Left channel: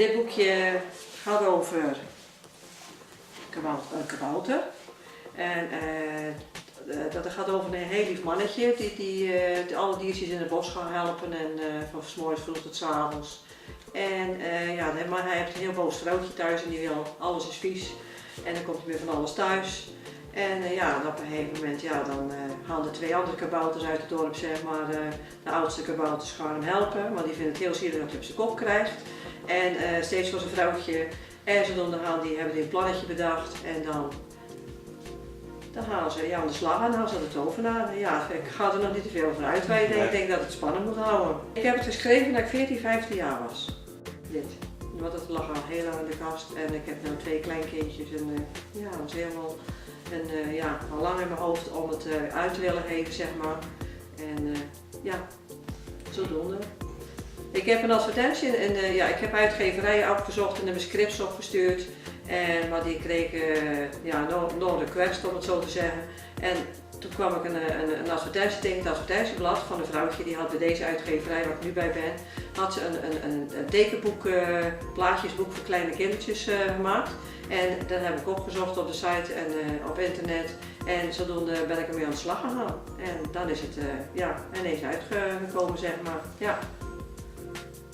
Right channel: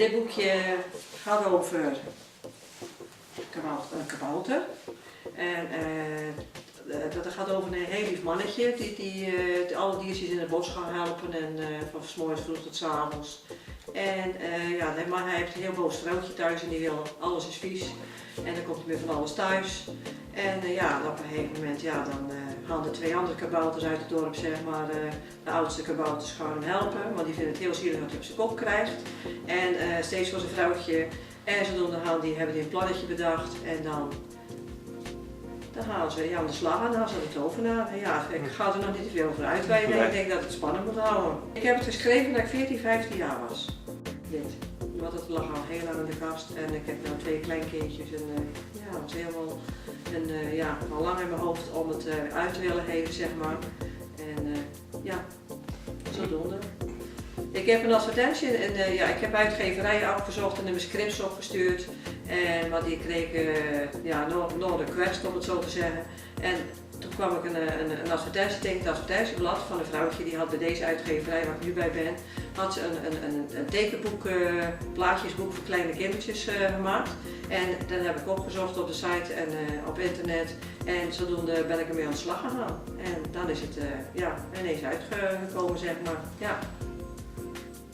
Dit boekje gaat over een kabouter. En dat gaat over een heel lief mannetje die alle diertjes in het bos gaan helpen en van 's morgens vroeg tot 's avonds. En maar hij heeft een heel boos vrouwtje thuis en die wil alles is vies. En dan komt hij weer van alles thuis. En op een gegeven moment dan gaan de twee andere kabouters uit het dorp, zeg maar, de oudste kabouters gaan hem helpen, want die vinden het heel zielig dat hij op zijn kop krijgt. En steeds voor zijn vrouwtje en zijn onderhand, die hebben die een plannetje bedacht en dan gaan ze aan de slag en dan gaan ze de tovenaar. Ja, ik ga er nog niet te veel over uitweiden. Ik denk dat het spannend moet houden. Ik heb het geschreven dat ik 14, 15 jaar was. Dit. Want het lag al heel lang in de kast en ik heb nu 2 kleinkindjes en het was helemaal al lang in mijn hoofd om het uit te willen geven, zeg maar. En zodoende. Ik heb een advertentie en ik heb uitgeverijen opgezocht en mijn scripts opgestuurd. Maar die kregen no request, om het zo te zeggen. En toen kwam ik een advertentie tegen het advertentieblad van een vrouwtje die had bij deze uitgeverij waar ik nu bij ben, had ze een tekenboek, plaatjesboek voor kleine kindertjes gemaakt. En dat heb ik opgezocht op de site en op internet. En zodoende ben ik ermee aan de slag gegaan. En dan is het ineens uitgekomen, zeg maar. Ja.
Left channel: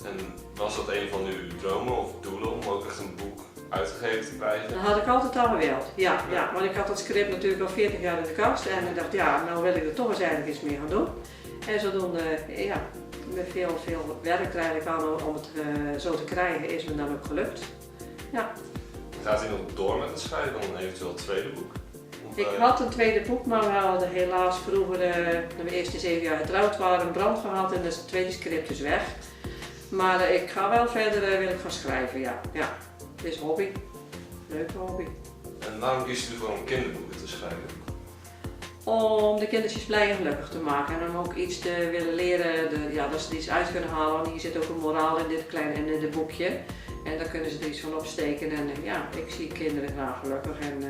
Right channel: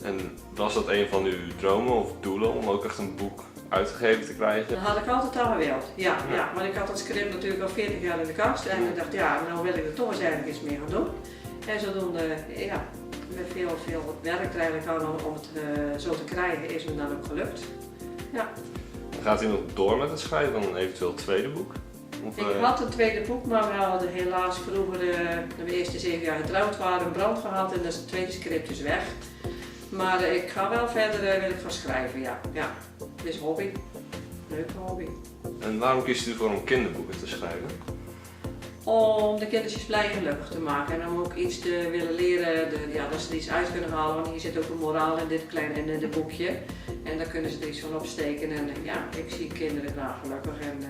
En was dat een van uw dromen of doelen om ook echt een boek uitgegeven te krijgen? Dat had ik altijd al gewild. Ja, want ik had dat script natuurlijk al 40 jaar in de kast en ik dacht, nou wil ik er toch eens eigenlijk iets mee gaan doen. En zodoende, met veel werk er eigenlijk aan om het zo te krijgen, is me dan ook gelukt. Ja. Gaat u nog door met het schrijven van een eventueel tweede boek? Ik had een tweede boek, maar we hadden helaas vroeger, toen we eerst 7 jaar getrouwd waren, een brand gehad en dus het tweede script is weg. Maar ik ga wel verder wil ik gaan schrijven, ja. Het is een hobby. Leuke hobby. En waarom kiest u voor om kinderboeken te schrijven? Om de kindertjes blij en gelukkig te maken en om ook iets te willen leren, dat ze er iets uit kunnen halen. Want hier zit ook een moraal in dit boekje. En daar kunnen ze er iets van opsteken. En ik zie kinderen graag gelukkig. En